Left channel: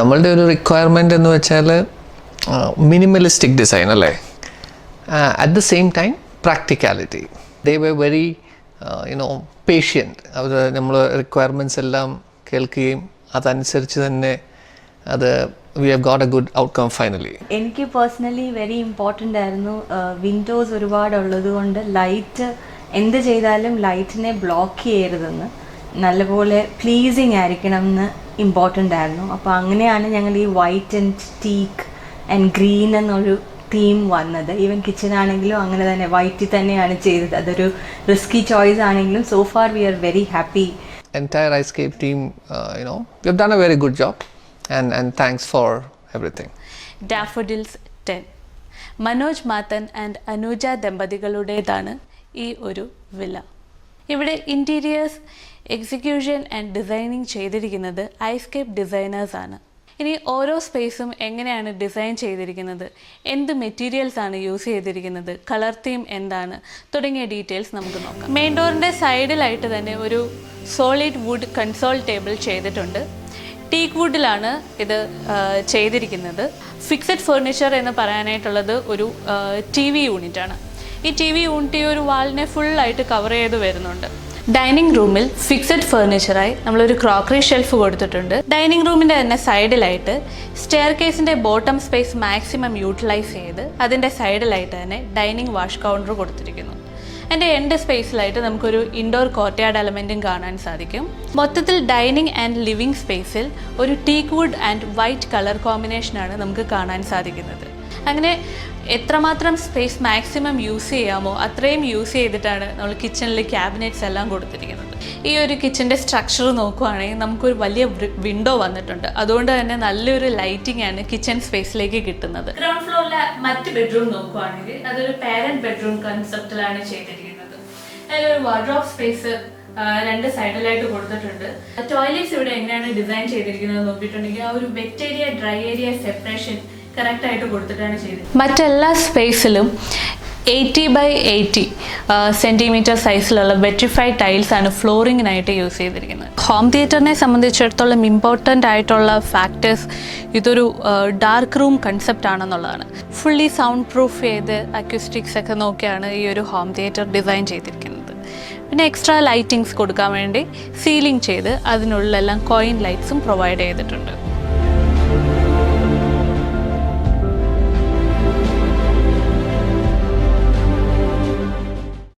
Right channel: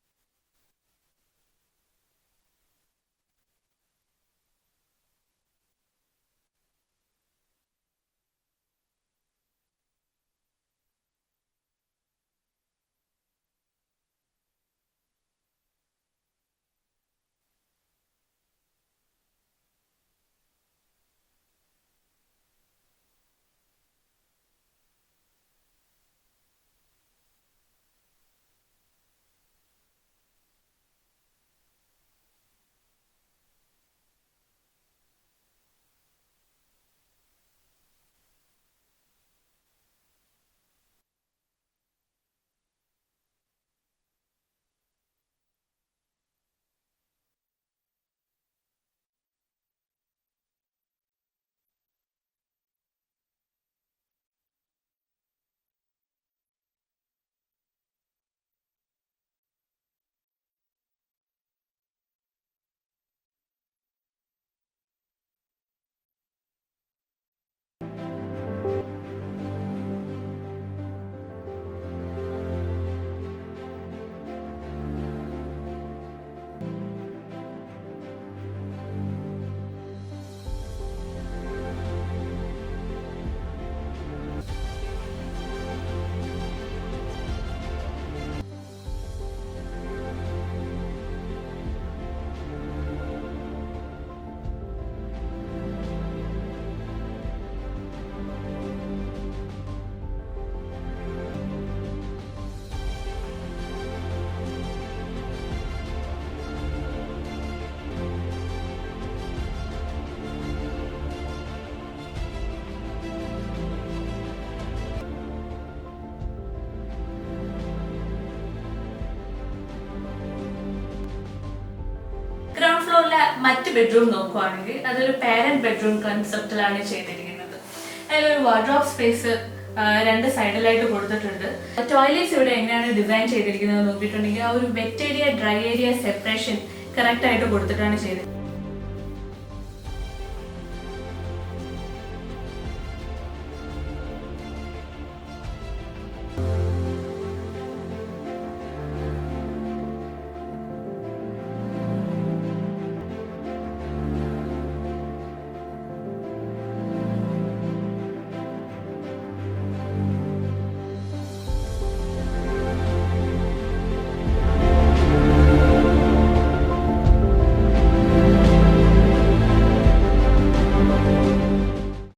നമ്മളുടെ ഒരു റിക്വയർമെൻ്റ് എന്ന് വെച്ചാൽ മിനിമലിസ്റ്റിക് ഡിസൈൻ അല്ലേ, at the same time practicality. They were very patient. അവർ നമ്മൾ റിക്വയർമെൻറ്റ്സ് എല്ലാം കേൾക്കുകയും അതനുസരിച്ച് തന്നെ we have got a good outcome finally. എനിക്ക് പേഴ്സണലി വെരി ഇമ്പോർട്ടൻ്റ് ആയിരുന്നു. വിൻഡോസ് ഒരുപാടുള്ളത് കൊണ്ട് ലൈറ്റ് എന്ത് ചെയ്താലും ലൈറ്റിനെ ബ്ലോക്ക് ചെയ്യരുതെന്ന്, നല്ലപോലെ പ്ലീസിങ് ആയിരിക്കണം എന്ന് ഇമ്പോർട്ടൻ്റ് ആയിരുന്നു. അപ്പോൾ അങ്ങനെയാണ് ഞങ്ങൾ ഈ white and teak and green എന്നൊരു തീം വന്നത്. ഈവൻ കിച്ചൺ ആണെങ്കിലും അങ്ങനെ തന്നെ വൈറ്റിൽ തന്നെയാണ് ചെയ്തത്. അതൊരു റിസ്കി ചോയ്സ് ആണെങ്കിലും so far V are very happy. Entire iScape team, we have done a very good job. And thanks for everything. Daffodils 10. Manoj Mathan and Anuja ദമ്പതികളുടേതാണ് ഈ ഒരു വില്ല. ഇവിടെ ഇൻറ്റീരിയേഴ്സ്, എക്സിക്യൂഷൻ ആൻഡ് ഡിസൈനിങ് ചെയ്തിരിക്കുന്നത് ഐസ്കേപ്പ് ഡിസൈനേഴ്സ് ആണ്. ഇനി ഓരോ സ്പേസും എങ്ങനെയാണ് ഡിസൈൻ ചെയ്തിരിക്കുന്നത്, എന്ത് മെറ്റീരിയൽസ് ആണ് യൂസ് ചെയ്തിരിക്കുന്നത്, കളർ തീം എന്താണ് തുടങ്ങിയ ഡീറ്റെയിൽസ് നമുക്ക് നോക്കാം. മെയിൻ ഡോറിൻ്റെ സൈഡിലായിട്ട് തന്നെ ഒരു സോളിഡ് വുഡ് കൺസോൾ ടേബിൾ ചെയ്തിട്ടുണ്ട്. ടീക്ക് വുഡിലാണ് ഇത് ചെയ്തിരിക്കുന്നത്. ഫിക്സഡ് ഫർണിച്ചർ എന്ന് പറയാനായിട്ടുള്ളത് ഒരു TV യൂണിറ്റാണ്. ഈ TV യൂണിറ്റ് ഈ ഒരു വാളിനെ ഫുള്ളായിട്ട് കവർ ചെയ്ത് വരുന്നുണ്ട്. ഡൈനിങ് റൂമിൽ ഫിക്സഡ് ഫർണിച്ചറായി നമ്മളൊരു ക്രോക്കറി ഷെൽഫ് കൊടുത്തിട്ടുണ്ട്. ഡൈനിങ് റൂമിൻ്റെ തന്നെ സൈഡിലായിട്ട് സ്റ്റെയർ കേസിൻ്റെ ബോട്ടം സ്പേസ് മാക്സിമം യൂട്ടിലൈസ് ചെയ്ത് അതിൻ്റെ സൈഡിലായിട്ട് തന്നെ ഡൈനിങ് വാഷ് കൗണ്ടർ കൊടുത്തിരിക്കുന്നു. എൻ്റെ എൻഡ് സ്പേസിലായിട്ട് നമുക്കൊരു ഇൻഡോർ കോർട്ട്യാർഡ് എലമെൻറ്റും കാണാൻ സാധിക്കും. മൊത്തത്തിൽ ഡൈനിങ് ആൻഡ് ലിവിങ് സ്പേസിൽ ഒരു teak wood and white colour കോമ്പിനേഷനാണ് നമുക്ക് കാണാൻ സാധിക്കുന്നത്. അങ്ങനെ എത്രമാത്രം സ്പേസ് മാക്സിമം യൂസ് ചെയ്യാമോ അത്രയും യൂസ് ചെയ്തിട്ടാണ് നമ്മൾ കിച്ചണിൽ ക്യാബിനറ്റ്സ് എല്ലാം കൊടുത്തിരിക്കുന്നത്. ഈ ഒരു കിച്ചൻ്റെ സ്ട്രക്ചർ നോക്കുകയാണെങ്കിൽ നമുക്കൊരു വലിയ വിൻഡോ വന്നിട്ടുണ്ട്. അതുകൊണ്ട് തന്നെ നല്ലൊരു ലൈറ്റിംഗ് ആണ് കിച്ചൺ സ്പേസിലേക്ക് കിട്ടുന്നത്. ഗ്രൗണ്ട് ഫ്ലോറിലെ മറ്റ് ബെഡ്റൂം നോക്കുകയാണെങ്കിൽ അതൊരു പാരന്റ് ബെഡ്റൂം കൺസെപ്റ്റിലാണ് ചെയ്തിരിക്കുന്നത്. അതിലൊരു വാർഡ്രോബ് സ്പേസ് രണ്ട് സൈഡിലായിട്ട് കൊടുത്തിട്ടുണ്ട്. ടോയ്ലറ്റ്സ് ഇവിടെ എങ്ങനെയാണ് ഡിസൈൻ ചെയ്തിരിക്കുന്നത് നോക്കിയിട്ടുണ്ടെങ്കിൽ ആ ഒരു wet area dry area separation കറക്റ്റായിട്ട് കൊടുത്തിട്ടാണ് ചെയ്തത്. മറ്റെല്ലാ സ്പേസിലും 80x80 സെൻറ്റിമീറ്റർ സൈസിലുള്ള വെട്രിഫൈഡ് ടൈൽസാണ് ഫ്ലോറിങ്ങിനായിട്ട് യൂസ് ചെയ്തിരിക്കുന്നത്. ഹോം തിയേറ്ററിനെ സംബന്ധിച്ചിടത്തോളം ഇമ്പോർട്ടൻ്റ് ആയിട്ടുള്ള ഫാക്ടേഴ്സ് ഇതൊരു ഡാർക്ക് റൂം കൺസെപ്റ്റ് ആണെന്നുള്ളതാണ്. ഫുള്ളി സൗണ്ട് പ്രൂഫ് ചെയ്ത് അക്യൂസ്റ്റിക്സ് ഒക്കെ നോക്കിയാണ് ഈ ഒരു ഹോം തിയേറ്റർ ഡിസൈൻ ചെയ്തിരിക്കുന്നത്. പിന്നെ എക്സ്ട്രാ ലൈറ്റിങ്സ് കൊടുക്കാൻ വേണ്ടി സീലിംഗ് ചെയ്ത് അതിനുള്ളിലെല്ലാം കോയിൻ ലൈറ്റ്സും പ്രൊവൈഡ് ചെയ്തിട്ടുണ്ട്.